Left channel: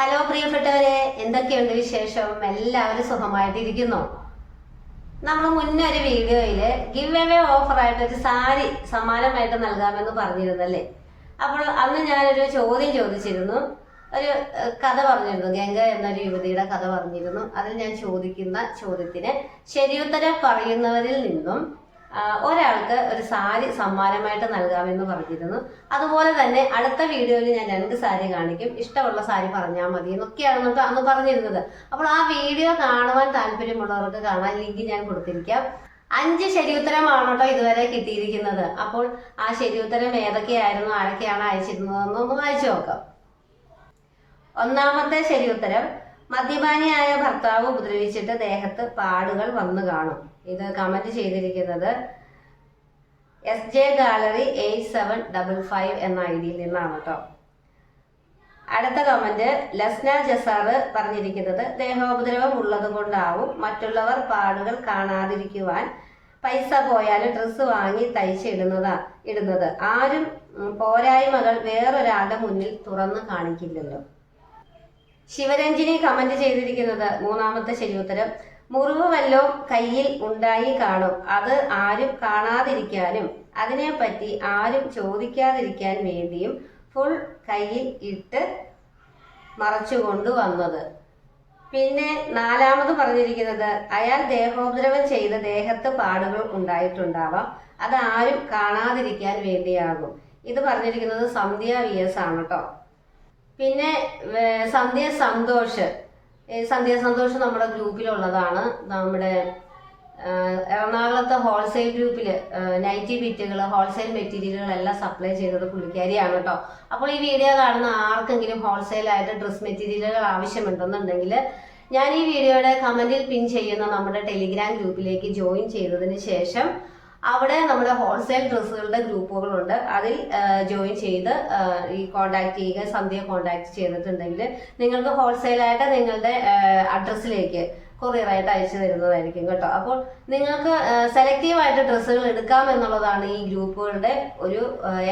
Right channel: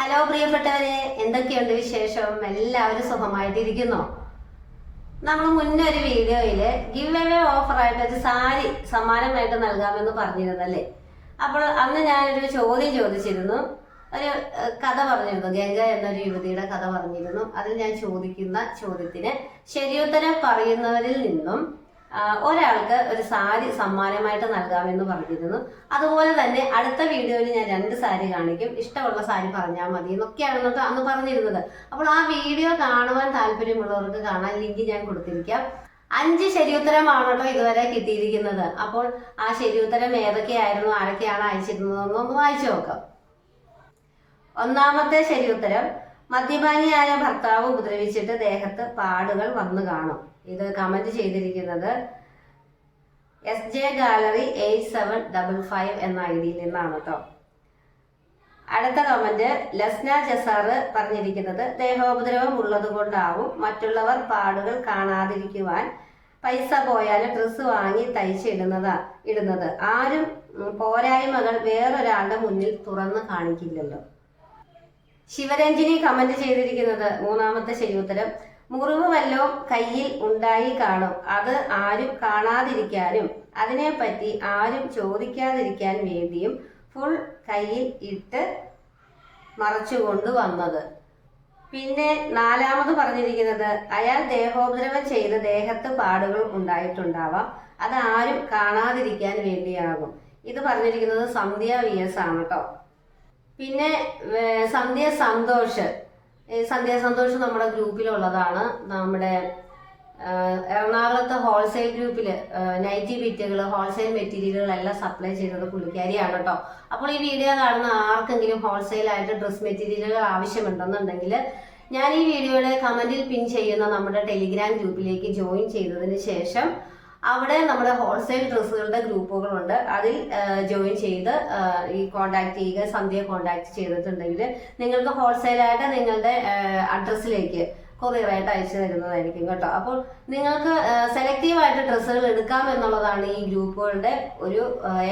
Hello പ്രിയപ്പെട്ടവരെ, എന്തൊക്കെയുണ്ട് വിശേഷം? എല്ലാവരും സുഖമായിട്ടിരിക്കുന്നോ? നമ്മൾ മുന്നേ ഒരു വീഡിയോയിൽ ഗിവ് അവേ ഓഫറായിട്ട് ഒരു സാരി സമ്മാനമായിട്ട് നൽകാമെന്ന് പറഞ്ഞിരുന്നല്ലേ. അപ്പോൾ അന്ന് ഞാനൊരു ചോദ്യം ചോദിച്ചിരുന്നു, ഒരു കഥ പറഞ്ഞിരുന്നു, ഗംഗ എന്നൊരു യുവതിയുടെ കഥ പറഞ്ഞിരുന്നു. അതിൽ ഞാൻ ചോദിക്കുന്ന ചോദ്യത്തിന് ശരിയുത്തരം പറയുന്നവരിൽ നിന്നും ഒരാൾക്ക് ഒരു സാരി സമ്മാനമായിട്ട് നൽകാമെന്ന് പറഞ്ഞിരുന്നു. അതുപോലെ തന്നെ അടുത്ത വീഡിയോയിൽ ഞാൻ 2 സാരി കാണിക്കും, ഇഷ്ടമുള്ള സാരി പറഞ്ഞാൽ മതി എന്നൊക്കെയാണ് അന്ന് പറഞ്ഞിരുന്നത്. അപ്പോൾ ആ വീഡിയോ കാണുവാൻ താല്പര്യമുള്ളവർക്ക് കാണാൻ ലിങ്ക് ഞാൻ കൊടുത്തിരിക്കാം. 5 ശരിയുത്തരമാണ് കേട്ടോ ഇതുവരെ കിട്ടിയിരിക്കുന്നത്. അപ്പോൾ ആ ശരിയുത്തരം ഏതൊക്കെയായിരുന്നു, ആരൊക്കെയാണ് അയച്ചിരുന്നതെന്നൊന്ന് വായിച്ചു നോക്കാം. ഒന്നാമത്തെ ശരിയുത്തരം, മദ്യപാനിയായ ഭർത്താവ് ഉപദ്രവിച്ചിട്ട് ദേഹത്ത് പാടുകൾ വന്നു കാണും. ഇത് കമന്റ് ചെയ്തിരിക്കുന്നത് SJ ഗാലറി 8755 എന്ന ഐഡിയിൽ നിന്നാണ് കേട്ടോ. അടുത്ത കമന്റ് ലസ്ന ജസാറ് പറഞ്ഞിരിക്കുന്നത്, ദേഹോപദ്രവം ഉള്ളത് കൊണ്ടാവും മറ്റുള്ളവർ പാടുകൾ കാണാതിരിക്കുവാൻ പൈസ പോയാലും ഡ്രസ്സ് വാങ്ങി ഇടുന്നത്. ആരും പോരായ്മകൾ വേറൊരാളുടെ മുന്നിൽ തുറന്നു കാണിക്കില്ലല്ലോ. ശിവരഞ്ജിനി കമന്റ് ചെയ്തിരിക്കുന്നത് മൂന്നാമത്തെ ശരിയുത്തരം, മുറിവ് വല്ലതും കയ്യിൽ ഉണ്ടായി കാണും, അത് ആരും കാണാതിരിക്കാനും അതിനെപ്പറ്റി ആരും ചോദിക്കാതിരിക്കാൻ വേണ്ടിയും ഫുൾ കയ്യിൽ ഇട്ട് മറച്ചുകൊണ്ട് വന്നത്. പിന്നെ നാലാമത് പറഞ്ഞിരിക്കുന്നത്, അയാൾ ദേഹോപദ്രവം ചെയ്ത് ദേഹത്ത് പാടുകൾ ഉണ്ടായിട്ടുണ്ടാവാം, അത് ആരും കാണാതിരിക്കാൻ വേണ്ടിയാകും. ഇത് പറഞ്ഞിരിക്കുന്നത് സന്ധ്യ VS ആണ് കേട്ടോ. പിന്നെ സന്ധ്യ സന്തോഷ് നമ്മുടെ ഗ്രൂപ്പിലുള്ളതാണ്. നമ്മുടെ എറണാകുളത്തെ ഹോൾസെയിൽ ഗ്രൂപ്പിൽ നൈറ്റി ബിറ്റുകൾ, ഹോൾസെയിൽ മെറ്റീരിയലുകളെല്ലാം സപ്ലൈ ചെയ്തത് പുള്ളിക്കാരിയാണ് കേട്ടോ. അപ്പോൾ ഈ വീഡിയോ കാണുന്ന ആർക്കെങ്കിലും ഹോൾസെയിലായിട്ട് ഡ്രസ് മെറ്റീരിയലുകൾ ആവശ്യമുണ്ടെന്നുണ്ടെങ്കിൽ ഞാൻ ഈ വീഡിയോയുടെ കമന്റിൽ പിൻ ചെയ്യുന്ന നമ്മുടെ ടെലിഗ്രാം ഗ്രൂപ്പിലേക്ക് ജോയിൻ ചെയ്തതിന് ശേഷം അവിടെ നമ്മുടെ ഹോൾസെയിൽ ഡ്രസ്സുകളുടെ ഗ്രൂപ്പുകളുണ്ട്, അതിൽ ജോയിൻ ചെയ്ത് ഈ കോണ്ടാക്ട് ചെയ്യുക. സന്ധ്യ കോണ്ടാക്ട് ചെയ്തിട്ടുണ്ടെങ്കിൽ നിങ്ങൾക്ക് ഹോൾസെയിലായിട്ട് നിങ്ങളുടെ അഡ്രസ്സിലേക്ക് കൊറിയറായിട്ട് അയച്ചു തരുന്നതായിരിക്കും കേട്ടോ. അപ്പോൾ നിങ്ങൾക്ക് സെലക്റ്റീവായിട്ട് ഡ്രസ്സുകൾ എടുക്കാം എന്നുള്ളതാണ് ഈ ഗ്രൂപ്പുകളുടെ ഒരു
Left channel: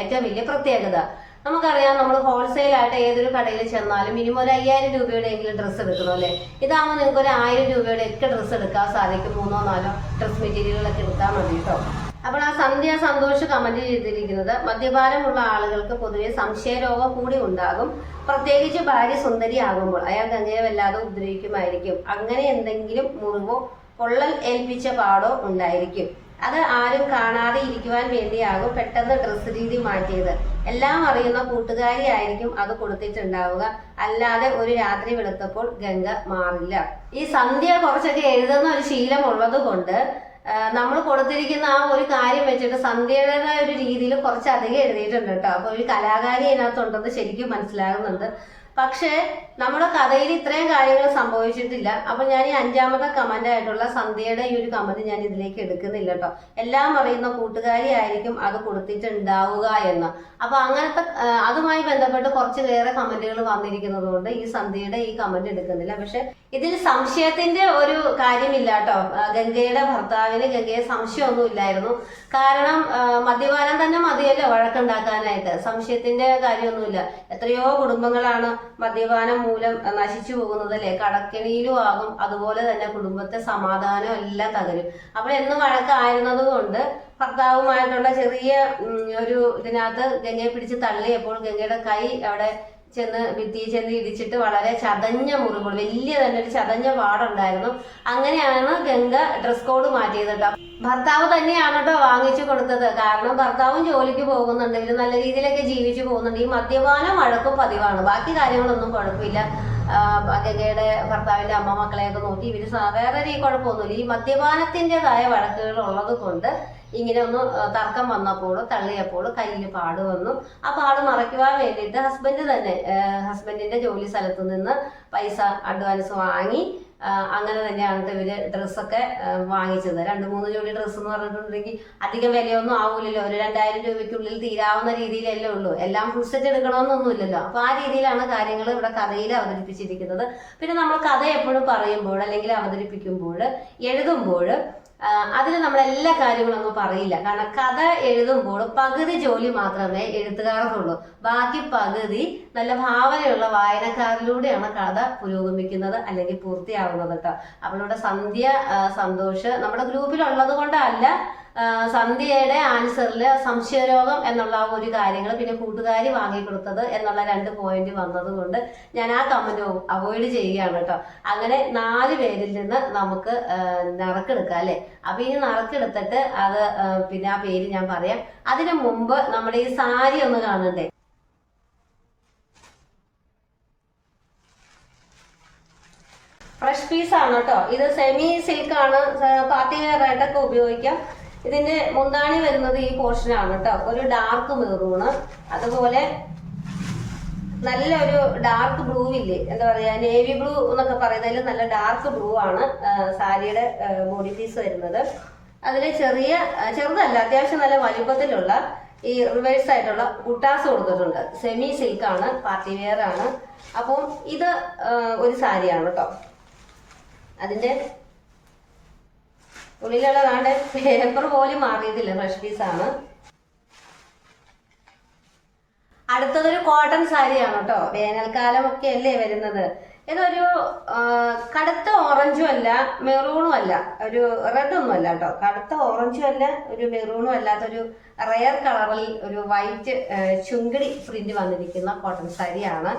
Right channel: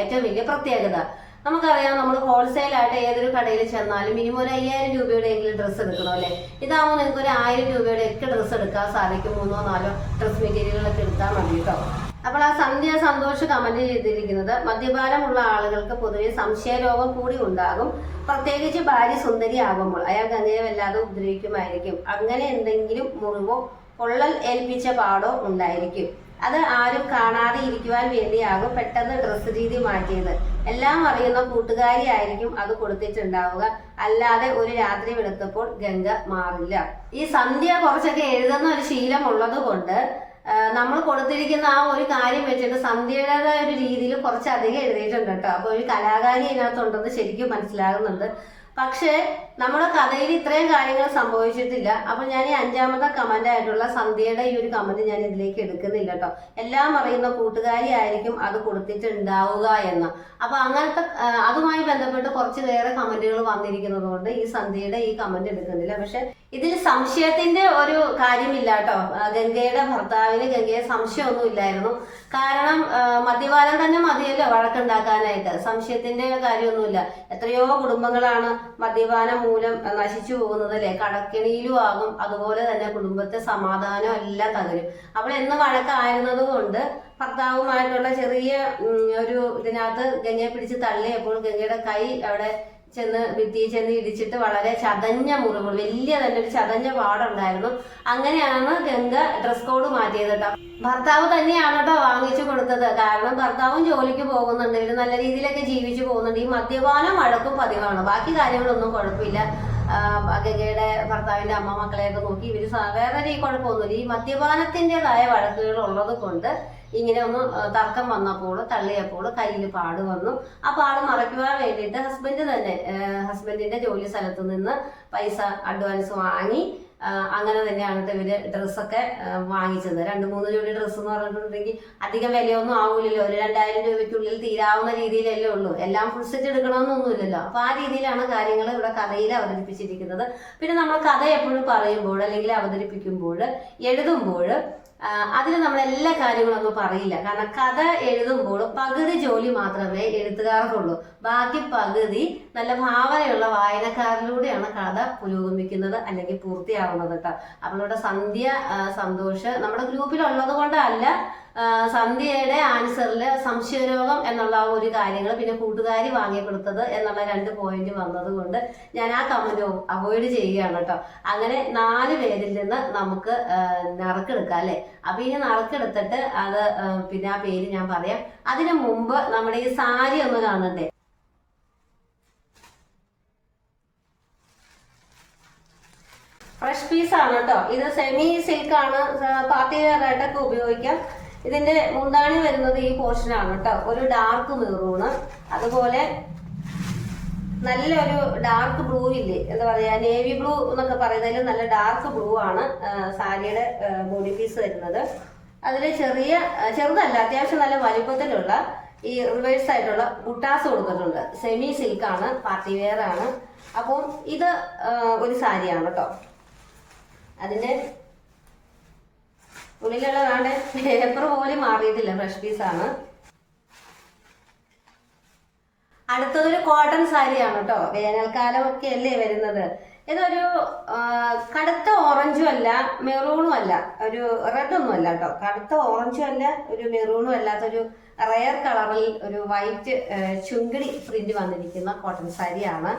ഏറ്റവും വലിയ പ്രത്യേകത. നമുക്കറിയാം, നമ്മൾ ഹോൾസെയിലായിട്ട് ഏതൊരു കടയിൽ ചെന്നാലും മിനിമം ഒരു 5000 രൂപയുടെ എങ്കിലും ഡ്രസ്സ് എടുക്കണം അല്ലേ. ഇതാകുമ്പോൾ നിങ്ങൾക്ക് ഒരു 1000 രൂപയുടെ ഒക്കെ ഡ്രസ്സ് എടുക്കാൻ സാധിക്കും. 3-4 ഡ്രസ് മെറ്റീരിയലുകളൊക്കെ എടുത്താൽ മതി കേട്ടോ. അപ്പോൾ ആ സന്ധ്യ സന്തോഷ് കമന്റ് ചെയ്തിരിക്കുന്നത്, മദ്യപാനമുള്ള ആളുകൾക്ക് പൊതുവെ സംശയരോഗം കൂടി ഉണ്ടാകും, പ്രത്യേകിച്ച് ഭാര്യ സുന്ദരി ആകുമ്പോൾ അയാൾ ഗംഗയെ വല്ലാതെ ഉപദ്രവിക്കുമായിരിക്കും. അങ്ങനെ എന്തെങ്കിലും മുറിവോ പൊള്ളൽ ഏൽപ്പിച്ച പാടോ ഉണ്ടായിരിക്കും, അത് ആരും കാണാതെ ഇരിക്കുവാൻ വേണ്ടിയാകും പെട്ടെന്ന് ഡ്രസ് രീതി മാറ്റിയത്. എല്ലാം അറിയുന്ന കൂട്ടുകാരി ആയിരിക്കും അത് കൊടുത്തിട്ടുണ്ടാവുക, അല്ലാതെ ഒരു രാത്രി വെളുത്തപ്പോൾ ഗംഗ മാറില്ല. ഈ സന്ധ്യ കുറച്ചൊക്കെ എഴുതുന്ന ഒരു ശീലം ഉള്ളത് കൊണ്ട് നമ്മൾ കൊടുത്തിരിക്കുന്ന ആ ഒരു കാര്യം വെച്ചിട്ട് സന്ധ്യയുടേതായ ഒരു രീതിയിൽ കുറച്ചധികം എഴുതിയിട്ടുണ്ട് കേട്ടോ. അപ്പോൾ ഒരു കലാകാരി അതിനകത്തുണ്ടെന്ന് ശരിക്കും മനസ്സിലാകുന്നുണ്ട്. പക്ഷേ നമ്മുടെ കഥയിൽ ഇത്രയും കാര്യങ്ങൾ സംഭവിച്ചിട്ടില്ല. അപ്പൊ ഞാൻ ഈ 5ാമത്തെ കമന്റ് ആയിട്ടുള്ള സന്ധ്യയുടെ ഈ ഒരു കമന്റ് ഞാൻ ഇതിലേക്ക് എടുക്കുന്നില്ല കേട്ടോ. എല്ലാം അറിയുന്ന കൂട്ടുകാരി ആയിരിക്കും അത് കൊടുത്തിട്ടുണ്ടാവുക എന്ന്. അപ്പൊ അങ്ങനത്തെ അതുമായി ബന്ധപ്പെട്ട് കുറച്ച് വേറെ കമന്റുകൾ വന്നിരിക്കുന്നത് കൊണ്ട് ഈ സന്ധ്യയുടെ ഈ കമന്റ് എടുക്കുന്നില്ല. പക്ഷെ ഇതിൽ സംശയത്തിന്റെ ഒരു കാര്യമില്ല കേട്ടോ. ഗംഗയുടെ ഭർത്താവിന് ഗംഗയെ സംശയമൊന്നും ഇല്ലായിരുന്നു. കാരണം മദ്യപാനം തന്നെ മതിയല്ലോ വഴക്കുണ്ടാക്കാനായിട്ട്. സംശയത്തിന്റെ കാര്യമൊന്നുമില്ല. എത്രയോ കുടുംബങ്ങളാണ് മദ്യപാനം മൂലം നശിച്ചു പോകുന്നത് അല്ലേ. കടക്കെണിയിലും ആകും, അതുപോലെ തന്നെ കുടുംബത്തെ സമാധാനം എല്ലാം തകരും. അപ്പോൾ എന്ന് വഴക്കായിരുന്നത് കൊണ്ട് ഭർത്താവുമായിട്ടുള്ള ചെറിയ ഒരു ഇതിനകത്ത് ഗംഗയെ പിടിച്ച് തള്ളിയപ്പോൾ ഗംഗയുടെ കൈ അവിടെ ഭിത്തിയിൽ ചെന്ന് ഇടിച്ചിട്ട് വളരെ ചതഞ്ഞ മുറിവുകൾ, വലിയ തന്നെ ഒരു ചതഞ്ഞ പാടുണ്ടായിരുന്നു. അങ്ങനെയാണ് ഗംഗ ഡ്രസ് കോഡ് മാറ്റിയത് കേട്ടോ. ഭർത്താവ് തന്നെയാണ് കേട്ടോ വാങ്ങിച്ചു കൊടുത്തത്. കാരണം ഭർത്താവും ജോലിക്ക് പോകുന്നുണ്ട്, ഇവര് നല്ല രീതിയിലൊക്കെ ജീവിച്ചു പോകുന്നുണ്ട്. ഈ മദ്യപാനം വഴക്കും പതിവാണ്, ബാക്കി കാര്യങ്ങളൊന്നും കുഴപ്പമില്ല. ഗംഗയുടെ ഭർത്താവിന്റെ അമ്മ മക്കളെയൊക്കെ നോക്കി ഇവര് വേറെ ഈ കുഴപ്പമൊന്നുമില്ല. ഈ മദ്യപാനത്തിൻ്റെതായ വഴക്കുകൾ ഉള്ളത് കൊണ്ട് ഇങ്ങനെ ഒന്ന് തർക്കം വന്നപ്പോൾ തള്ളിയപ്പോൾ കയ്യിൽ പാട് വന്നു. ആ പാട് മറയ്ക്കുവാൻ വേണ്ടിയിട്ട് ഹസ്ബൻഡിന്റെ ജോലി സ്ഥലത്ത് നിന്ന് പൈസ അഡ്വാൻസ് വാങ്ങി അങ്ങനെ തന്നെയാണ് ഇവര് ഡ്രസ്സൊക്കെ വാങ്ങിച്ചത്. 2-3 ജോഡി ഡ്രസ്സ് എന്ന് പറഞ്ഞിട്ടുണ്ടെങ്കിൽ അധികം വിലയൊന്നും ആവൂലല്ലോ. ഒരു 2000 രൂപയ്ക്കുള്ളിൽ തീരാവുന്ന രീതിയിലല്ലേ ഉള്ളൂ. എല്ലാം ഫുൾ സെറ്റ് എടുക്കണമെന്നൊന്നുമില്ലല്ലോ. അപ്പൊ ആ രീതിയിലാണ് കാര്യങ്ങൾ ഇവിടെ കഥയിൽ അവതരിപ്പിച്ചിരിക്കുന്നത്. പിന്നെ നമ്മൾ കഥ എപ്പോഴും പറയുമ്പോൾ അല്ലെങ്കിൽ അവതരിപ്പിക്കുമ്പോൾ എഴുതുമ്പോൾ അതിൽ നമ്മൾ എല്ലാ കാര്യങ്ങളൊന്നും പറയില്ല. കാരണം കഥ എഴുതുമ്പോൾ പകുതി ജോലി മാത്രമേ എഴുത്തുകാർക്കുള്ളൂ. ബാക്കി പകുതി നല്ല ഭാവനയുള്ള വായനക്കാരിലൂടെയാണ് കഥ പുരോഗമിക്കുന്നത് അല്ലെങ്കിൽ പൂർത്തിയാവുന്നത് കേട്ടോ. അപ്പോൾ ഇവിടെ സന്ധ്യ സന്തോഷ് നമ്മുടെ ഗ്രൂപ്പിലുള്ളത് കൊണ്ടല്ല, സന്ധ്യയുടെ ആൻസറിൽ സംശയരോഗം എന്നുള്ള ഒരു കാര്യങ്ങൾ പിന്നെ കൂട്ടുകാരി വാങ്ങിക്കൊടുത്തത് എന്നുള്ള 2 പോയിന്റ് വന്നത് കൊണ്ട് ഞാൻ ആ കമന്റ് അവോയ്ഡ് ചെയ്യുകയാണ് കേട്ടോ. അങ്ങനെ 4 പേരിൽ നിന്ന് നമുക്ക് നറുക്കെടുക്കാം അല്ലേ. അപ്പൊ ഇനി നറുക്കെടുത്തിട്ട് അത് പിന്നെ ആ പേര് ഞാൻ പറയാം. അതിനു മുമ്പ് നമ്മുടെ ഈ സാരി ഒന്ന് കാണണ്ടേ. ഫ്രഷ് പീസാണ് കേട്ടോ. ഇത് സെമി സിൽക്കാണ്, പാർട്ടി വെയർ ആയിട്ടൊക്കെ ഉപയോഗിക്കാം. ഇതിന്റെ മുന്താണി വരുന്നത് ഈ പോർഷനാണ് കേട്ടോ. ഒരു ഡാർക്ക് മെറൂണ്, അതുപോലെ നല്ലൊരു ഡാർക്ക് ബ്ലൂ ഇല്ലേ, എന്താ പറയാ, നേവി ബ്ലൂ എന്നൊക്കെ പറയുന്നതിൽ നല്ല ഡാർക്ക് ബ്ലൂ ആണ് സാരിയുടെ ബോഡി പീസ് വരുന്നത്. അതിൽ ചെറുതല്ല, അത്യാവശ്യം നല്ല വലിപ്പത്തിലുള്ള ഈ റിവേഴ്സ് ആയിട്ടുള്ള ബുട്ടാസ് കൊടുത്തിട്ടുണ്ട്. സെമി സിൽക്കാണ്, പാർട്ടി വെയർ ആണ്. അപ്പം ഇത് ഒരു സാരിയാണ് കേട്ടോ. അതിന്റെ ഉള്ളിലുള്ള വേണ്ട പേപ്പർ പോലും മാറിയതില്ല, ഫ്രഷ് പീസാണ്. അടുത്തതൊരു കോട്ടൺ സാരിയാണ് കേട്ടോ. വേനൽക്കാലം ഒക്കെ അല്ലേ വരുന്നത്. ഇതൊരു കടുത്ത ഓറഞ്ചും അല്ല മെറൂണും അല്ല, ഒരു റെഡൊന്നും അല്ല കേട്ടോ. കടുത്ത ഓറഞ്ചും അല്ല, ഒരു മെറൂണും അല്ലാത്തൊരു റെയർ കളറിൽ ഒരു വൈറ്റ് ചുങ്കിടി പ്രിന്റ് വന്നിരിക്കുന്ന കോട്ടൺ സാരിയാണ്.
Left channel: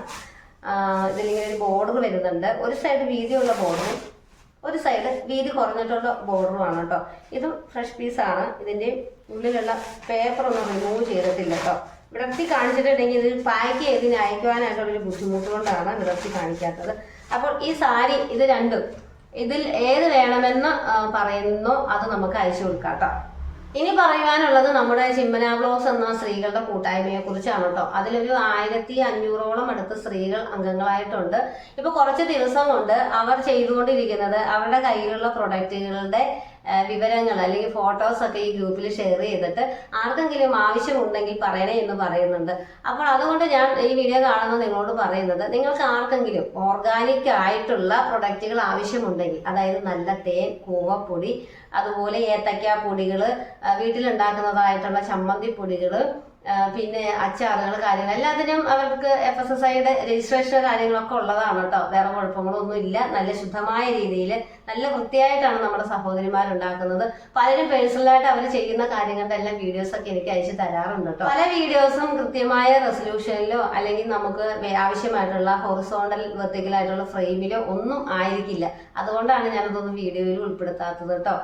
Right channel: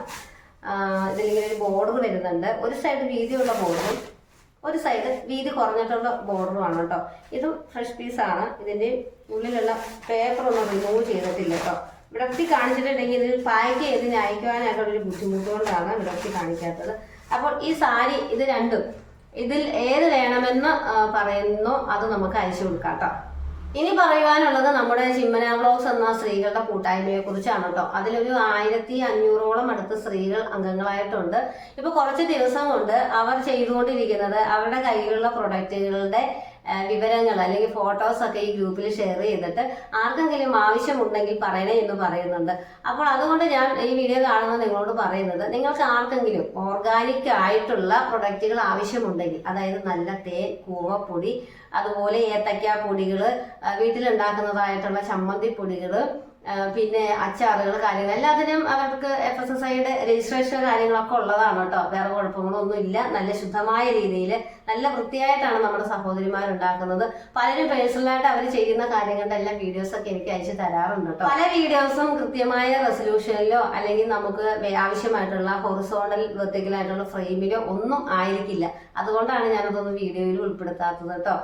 ഇതിലിങ്ങനെ ഒരു ബോർഡർ വരുന്നുണ്ട്. ഒരു സൈഡ് വീതിയുള്ള ബോർഡറും ഒരു സൈഡ് വീതി കുറഞ്ഞിട്ടുള്ള ബോർഡറുമാണ് കേട്ടോ. ഇതും ഫ്രഷ് പീസാണ്. ഇതിൻ്റെ ഉള്ളിലുള്ള പേപ്പർ ഒന്നും റിമൂവ് ചെയ്തിട്ടില്ല കേട്ടോ. വിടർത്തി കാണിച്ചിട്ടുണ്ടെങ്കിൽ ഇത് പാക്ക് ചെയ്ത് അയക്കുവാനായിട്ടുള്ളൊരു ബുദ്ധിമുട്ട് കൊണ്ടാണ് വിടർത്തി കാണിക്കാത്തത്. അപ്പോൾ ഈ സാരി ഇത് രണ്ടും ഇതിൽ ഏത് വേണമെന്ന് പറയുന്നോ അത് നമുക്ക് അയച്ചു കൊടുക്കാം കേട്ടോ. ഇനി പറയുവാനുള്ളത് നമ്മുടെ ചിമ്മന വ്ലോഗ്സ് എന്ന സ്ത്രീകളുടെ കൂട്ടായ്മയെ കുറിച്ചാണ് കേട്ടോ. അതിലൊരു 1500ഓളം അടുത്ത് സ്ത്രീകൾ അംഗങ്ങളായിട്ടുണ്ട്. ഇപ്പൊ കുറച്ച് ദിവസം കൊണ്ട് അവർ ചെയ്തുകൊണ്ടിരിക്കുന്നത് അവരുടെ കയ്യിലുള്ള പ്രൊഡക്റ്റുകളുടെ വിവരങ്ങൾ അല്ലെങ്കിൽ ഫോട്ടോസ് ഒക്കെ ഈ ഗ്രൂപ്പിൽ ഷെയർ ചെയ്തിട്ട് ആർക്കെങ്കിലും ആവശ്യമുണ്ടെങ്കിൽ പറയണേ എന്ന് പറയുന്നുണ്ട്. അപ്പോൾ അതുകൊണ്ട് ഞാൻ ഈ വീഡിയോ കാണുന്നത് നിങ്ങളോട് പറയുന്നത്, നിങ്ങൾക്ക് ആർക്കെങ്കിലും ഓർഗാനിക് ആയിട്ടുള്ള പ്രൊഡക്റ്റുകൾ ആവശ്യമുണ്ടെങ്കിൽ, അതായത് നല്ല തേൻ, കൂവപ്പൊടി, അതുപോലെ ഏത്തക്ക പൊടികൾ, വീട്ടിലുണ്ടാക്കുന്നതായിട്ടുള്ള ചമ്മന്തി പൊടികൾ, പിന്നെ അച്ചാറുകൾ, കാര്യങ്ങൾ എല്ലാത്തിനും അവർക്ക് FSSAIയുടെ രജിസ്ട്രേഷൻ കാര്യങ്ങളൊക്കെ ഉള്ളതാണ് കേട്ടോ. വേറെ കുഴപ്പങ്ങളൊന്നും ഇല്ല. നല്ല ശുദ്ധമായ രീതിയിൽ നല്ല വൃത്തിയായിട്ടാണ് നമ്മുടെ സഹോദരിമാരുണ്ടാക്കുന്നത്. പലരും പേഴ്സണലായിട്ട് അവർ ചെയ്യുന്ന കാര്യങ്ങളുടെ എല്ലാം വീഡിയോസൊക്കെ എനിക്ക് അയച്ചു തരാറുണ്ട് കേട്ടോ. പല വീഡിയോസും കൃത്യമായ റെസൊല്യൂഷനിലോ അല്ലെങ്കിൽ നമുക്ക് ആവശ്യമായിട്ടുള്ള ഹൊറിസോണ്ടൽ വെർട്ടിക്കലായിട്ടുള്ള ഫ്രെയിമിലോ ഒന്നും ആയിരിക്കില്ല. അതുകൊണ്ടാണ് ഞാനതൊന്നും വീഡിയോയിൽ ഉൾപ്പെടുത്താത്തത് കേട്ടോ.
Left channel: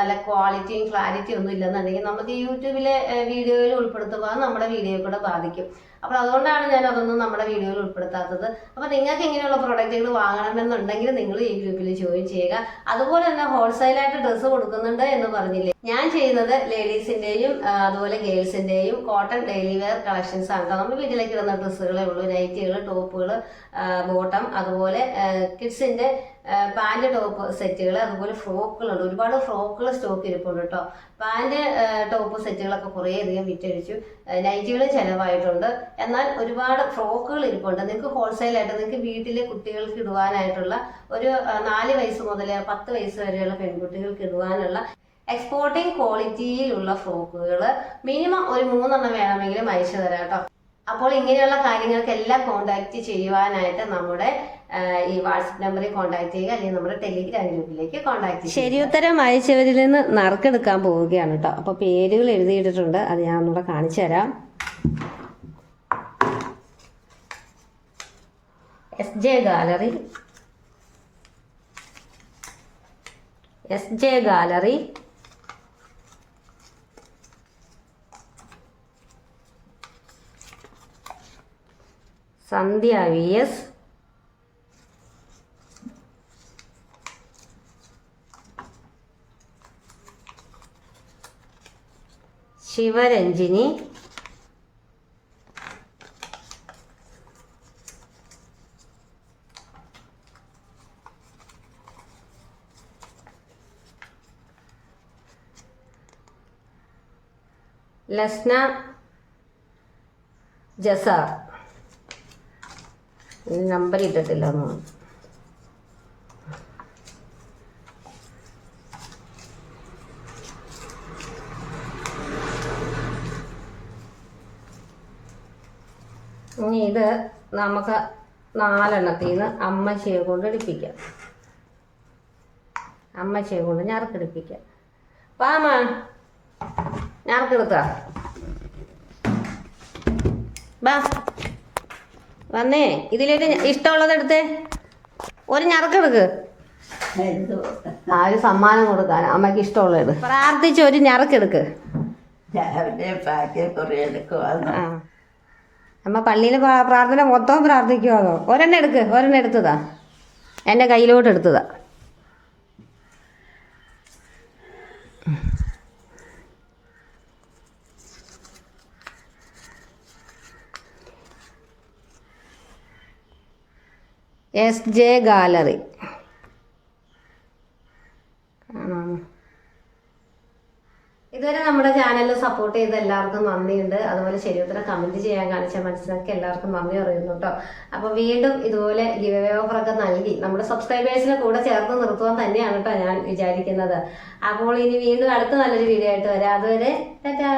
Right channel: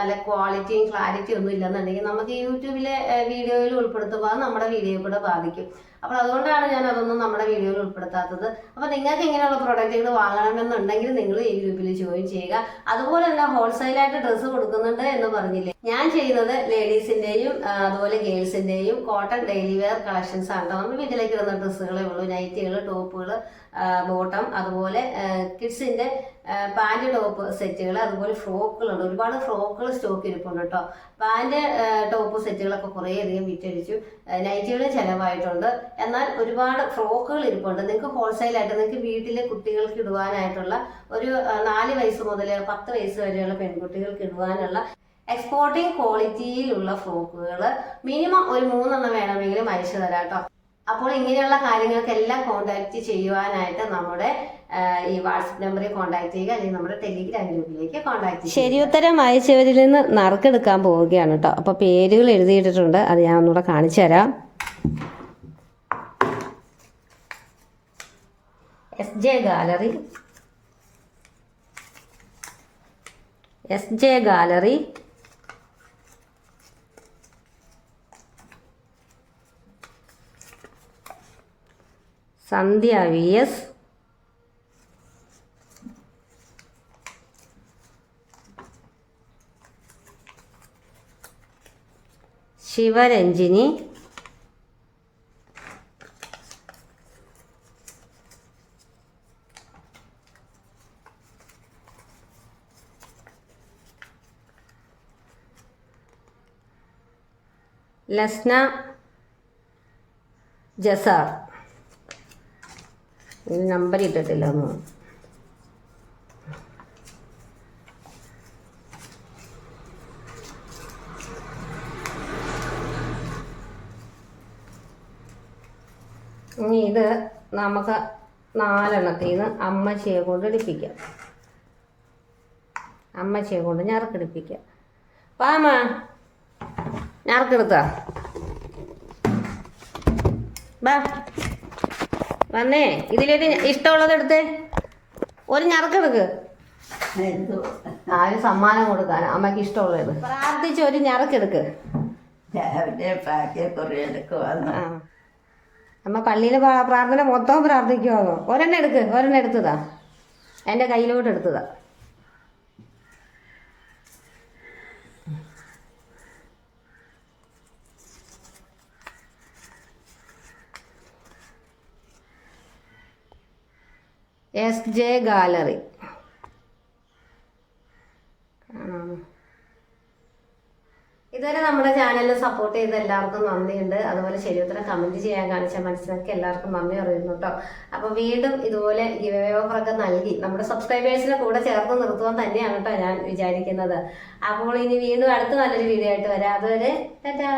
നല്ല ക്വാളിറ്റിയും ക്ലാരിറ്റിയും ഒന്നും ഇല്ലെന്നുണ്ടെങ്കിൽ നമുക്ക് യൂട്യൂബിലെ വീഡിയോയിൽ ഉൾപ്പെടുത്തുമ്പോൾ നമ്മുടെ വീഡിയോ കൂടെ ബാധിക്കും. അപ്പോൾ അതുകൊണ്ടാണ് ഞാൻ അതൊന്നും നമ്മുടെ വീഡിയോയിൽ ഉൾപ്പെടുത്താത്തത്. അപ്പോൾ നിങ്ങൾക്ക് ഇങ്ങനെയുള്ള പ്രോഡക്റ്റുകൾ വാങ്ങണമെന്നുണ്ടെങ്കിൽ നിങ്ങൾ ഈ ഗ്രൂപ്പിൽ ജോയിൻ ചെയ്യുക. അതുപോലെ തന്നെ ഹോൾസെയിലായിട്ട് ഡ്രസ്സ് കൊടുക്കുന്നുണ്ട് എന്ന് പറഞ്ഞില്ലേ, ഞാൻ ചെയ്യുന്നത് ലേഡീസിൻ്റെയും അതുപോലെ ഗേൾസിൻ്റെയും കോട്ടൺ ഡെയിലി വെയർ കളക്ഷൻസ് ആണ് കേട്ടോ. നമ്മൾ വീട്ടിലേക്ക് ഇടുന്ന ഡ്രസ്സുകളേ ഉള്ളൂ. നൈറ്റികൾ, ടോപ്പുകൾ, ബോട്ടം, അതുപോലെ കിഡ്സിൻ്റെ പാൻറ് ടോപ്പ് സെറ്റുകൾ, അതുപോലെ ഫ്രോക്കുകളുണ്ട്. ഒരുപാട് ഫ്രോക്കുകൾ സ്റ്റോക്ക് ഇരിപ്പുണ്ട് കേട്ടോ. പാൻറ് ടോപ്പ് സെറ്റുകളൊക്കെ കുറേയധികം വിറ്റഴിച്ചു. നൈറ്റുകൾ ചിലവായിട്ടുണ്ട്. എന്നാൽ ഒരുപാട് ഫ്രോക്കുകൾ ഇരിപ്പുണ്ട്. നിങ്ങൾക്ക് ഹോൾസെയിലായിട്ട് നിങ്ങൾക്ക് വീട്ടിലെ കുട്ടികൾക്ക് ഇടുവാനായിട്ടുള്ള ഒരു 4 വയസ്സ് മുതൽ 10 വയസ്സ് വരെയുള്ള പെൺകുട്ടികൾക്ക് ഇടുവാനുള്ള എക്സ്പോർട്ടിംഗ് ക്വാളിറ്റിയിലുള്ള ഫ്രോക്കുകൾ മിനിമം ഒരു 3 എണ്ണം വേണമെങ്കിലും അയച്ചു തരാം കേട്ടോ. അപ്പോൾ ഇങ്ങനെയുള്ള കാര്യങ്ങൾക്കെല്ലാം കോൺടാക്ട് ചെയ്യുവാനായിട്ട് നമ്മുടെ ഈ വാട്സപ്പ് നമ്പറിൽ കോൺടാക്ട് ചെയ്യുക, അല്ലെങ്കിൽ നമ്മുടെ ടെലിഗ്രാം ഗ്രൂപ്പിലേക്ക് കോൺടാക്ട് ചെയ്യുക. ശരി ഉത്തരം അയച്ചവരിൽ നിന്ന് നറുക്കെടുക്കാൻ പോവുകയാണ് കേട്ടോ. അപ്പോൾ പേരുകൾ എഴുതിയിട്ടിട്ടുണ്ട്, അത് ഞാൻ ഒന്നുകൂടെ കാണിച്ചു തരാം. SJ ഗാലറി, SJ ഗാലറി, സന്ധ്യ VS, ശിവരഞ്ജിനി, ലസ്ന ജസാർ, നമ്പർ ഇട്ടിട്ടില്ല. നമുക്ക് 4 എണ്ണത്തിൽ നിന്ന് അമ്മച്ചിയെ കൊണ്ട് എടുപ്പിക്കാം. അമ്മച്ചിയെ കൊണ്ട് ഞറക്കെടുപ്പിക്കാം. പാമ ഞറക്കെടുത്ത ബാ വന്നേ. ഇതിലൊരു ഇഷ്ടമുള്ളത് എടുത്തേ. ഒരു ഞറക്കെടുക്ക്. ഒരു സമ്മാനം കൊടുക്കാൻ അമ്മയ്ക്ക് ഇഷ്ടമുള്ളത് പ്രാർത്ഥിച്ച് ഒരു ഞറക്കെടുക്ക്. അമ്മ പള്ളിയിൽ പ്രാർത്ഥന മൊത്തം പ്രാർത്ഥിക്കുമോ? ഒരെണ്ണം എടുക്ക്. ഒരെണ്ണം എടുത്തതാ, എൻ്റെ കയ്യിലോട്ട് എടുത്തതാ. SJ gallery. ഇതുവരെ നമ്മുടെ ചാനലിൽ സപ്പോർട്ട് ചെയ്ത എല്ലാവർക്കും നന്ദിയുണ്ട്. അതുപോലെ ശരിയുത്തരം കമൻറ്റ് ചെയ്യാൻ കാണിച്ച മനസ്സിലാക്കി എല്ലാവർക്കും നന്ദി അറിയുന്നു കേട്ടോ. അപ്പോൾ വീണ്ടും ഇതുപോലെ ഗിവ് അവേ ഓഫറൊക്കെ നൽകി നമ്മുടെ സബ്സ്ക്രൈബേഴ്സിനെ കൂടെ ചേർത്ത് നിർത്തുവാൻ തന്നെയാണ് കേട്ടോ ഞാൻ വിചാരിക്കുന്നത്. അപ്പോൾ ഇനി വീണ്ടും അടുത്ത നല്ലൊരു വീഡിയോ ആയിട്ട് വരാം. അതുവരെ ടാറ്റാ.